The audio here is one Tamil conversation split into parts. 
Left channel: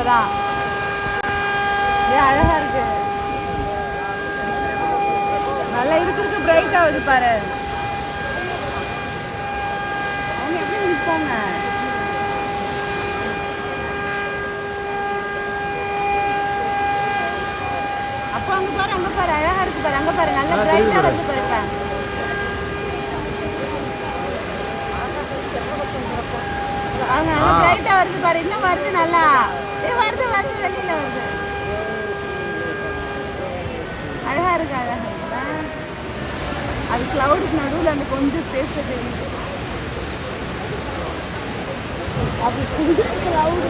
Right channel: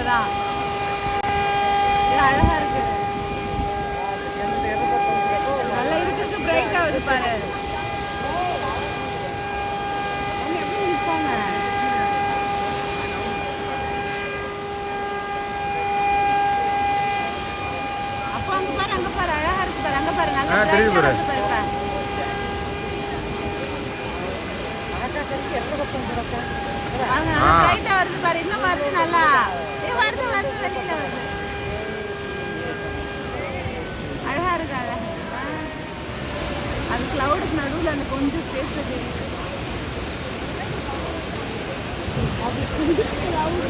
இப்பதான் அழகா இருக்கு. நல்லா இருக்கு பிரைட் ஆகுது பாரு. எப்படி நிற்பாங்க அப்போ அங்க பாரு, அங்க பாரு அழகா இருக்கு பாரு, அங்க பாரு நல்லா பிரைட்டா இருக்கு பாரு. அவங்க நல்லா பிரைட்டா வருது பாரு, இன்னும் வருது நல்லா. வருது வருது வெளியில வருது. அழகா இருக்கு அழகா. அது கிளவுடுக்கு நடுவில் அந்த கொஞ்சம் ஸ்பேஸ் தெரியுது. அது கிளவுடு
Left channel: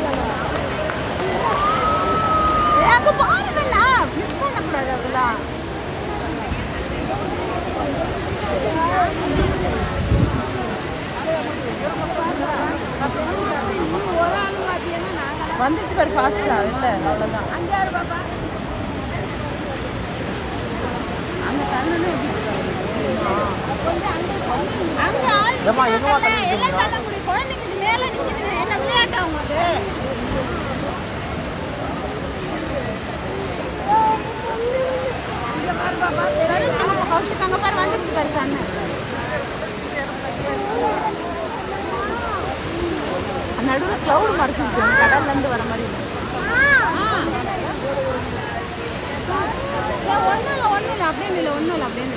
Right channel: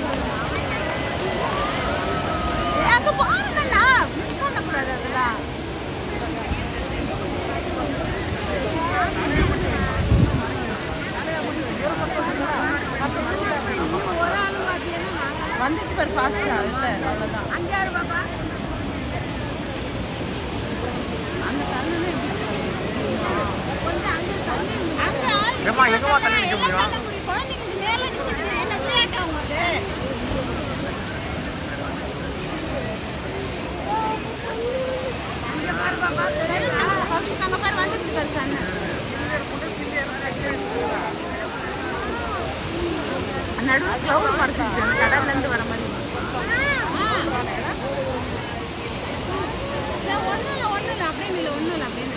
அங்க பாருங்கண்ணா, மிஸ் பண்ணக்கூடாது அதெல்லாம். வந்துச்சு பாரு ஃபாஸ்டா. இல்லை அவ்வளோதான். அங்கே தண்ணி குழந்தைங்க மேலே நிற்குது. என்ன விளையாட்டா உங்களுக்கு? கௌஷிக் அங்கே பாரு வந்துச்சு பாரு தண்ணி. நடுவில் கிளவுட் மறைச்சிருச்சு அந்த கடல்லேருந்து வர மாதிரி. ஒன்றும் இல்லை அப்படின்னு இல்லை, ஒன்றும் இல்லை அப்படின்னு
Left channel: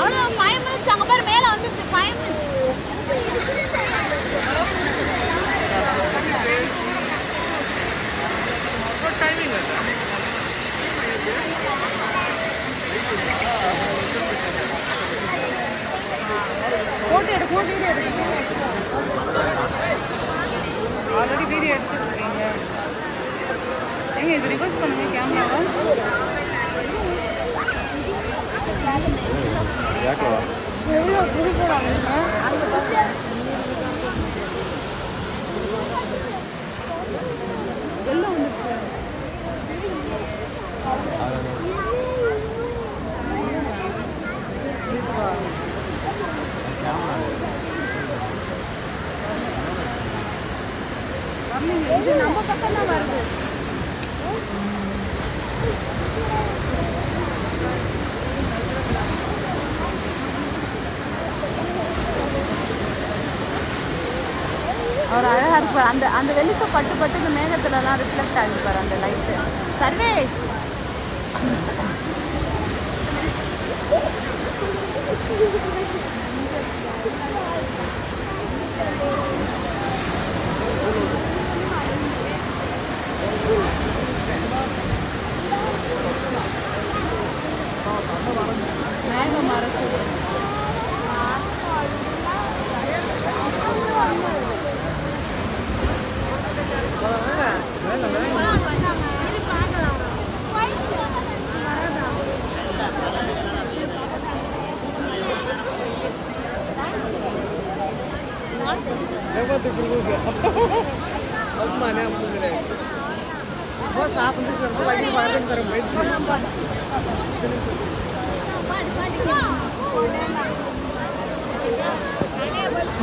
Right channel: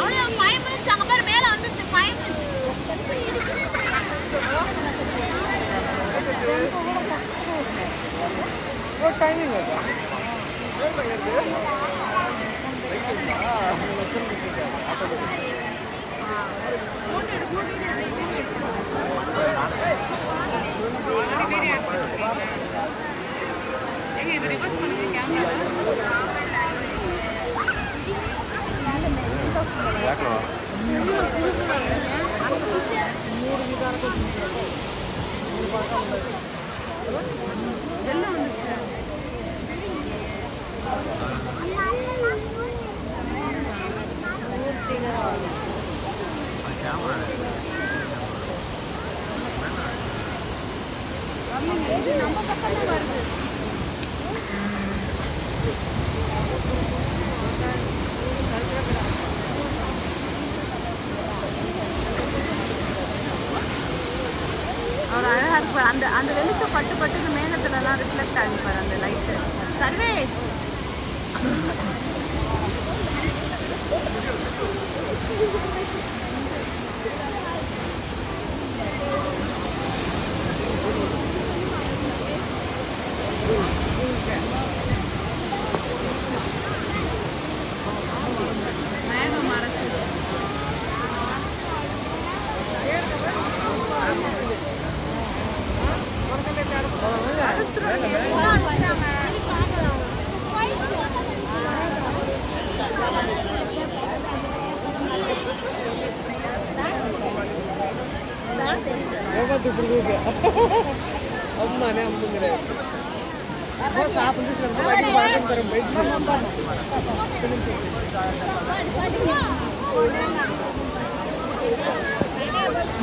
அவ்வளோ பயமிச்சு. அங்கே பாரு மேலே வந்துச்சு பயமிச்சு. டைமிங் போட்டோ எடுக்க ஆல்ரெடி வீடியோ எடுத்துருக்கீங்க. எங்க இது ரிவர்ஸ் பண்ணுங்க கேமராவா? வெள்ளம் வந்துச்சு. நம்ம பக்கம் தான் வருது. அவர் அழகா இருப்பார். அந்த அந்த வெளிச்சம் பட்டு பட்டு இந்த மேகத்துலலாம் ரிஃப்ளெக்ட் ஆகிப்பார் அந்த லைட்டு. சர்வேஷ் மேகம் மறைச்சு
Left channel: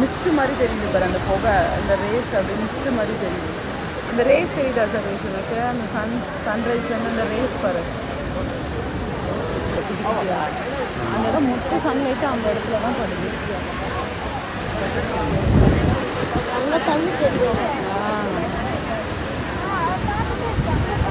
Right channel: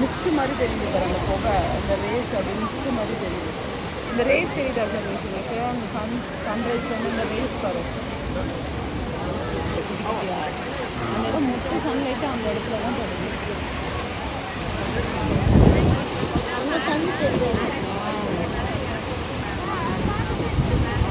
மிஸ்ட் மாதிரி தெரியுது பாரு அந்த புகை, அந்த ரேஸ் அப்படி மிஸ்ட் மாதிரி தெரியுது. இந்த ரேஸ் தெரியுதா சார் எனக்கு? அந்த சன்ரைஸ்லேருந்து இந்த ரேஸ் பாரு. அந்த இடம் மொத்த சன்லைட்டு அந்த இடத்துல தான் படுது. தண்ணி தெரியும்.